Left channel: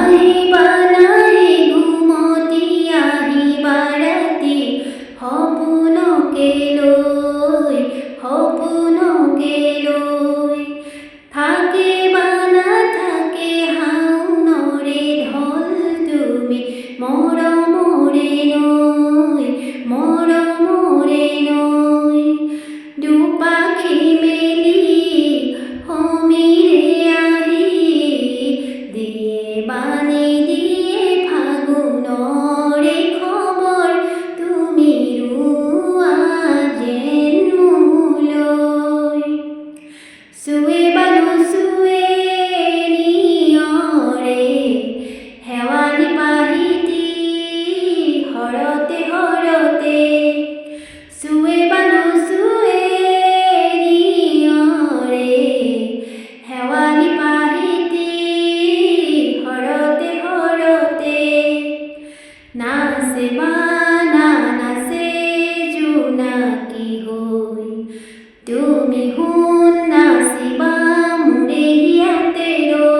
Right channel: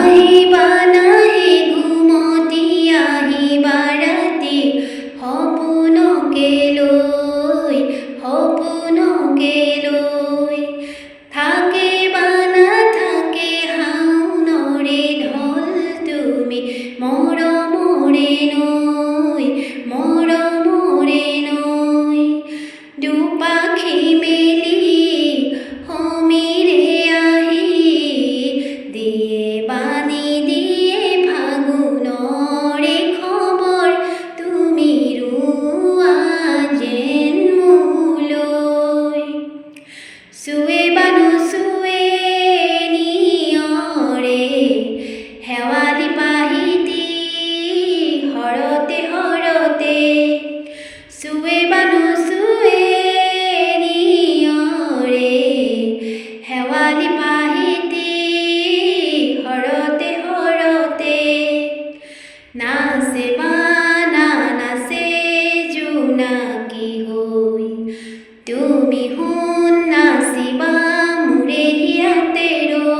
আহিবা নাহি ঘুমতি আহিবা ৰাতি সপোনকে লৈ থাকে বা নাথাকে হাওনৰে ঢল তুমি মৰমৰে নৈ দুপাখি মেলি সমীৰে আহি দিয়ে বাণী দিয়ে ফাগুনৰে খবৰ তুমি ৰোৱা যেন মোলৈ চুৱে বা নুচুৱে নিয়ৰে শেৱালি পাহিতি হৰতে চুৱে বা নুচুৱে নিয়ৰে শেৱালি পাহিতি হৰতে নাচে বানা নাচে জোনাকী হৈ তুমি শুন নাচিবা মোৰে হিয়াতে ৰৈ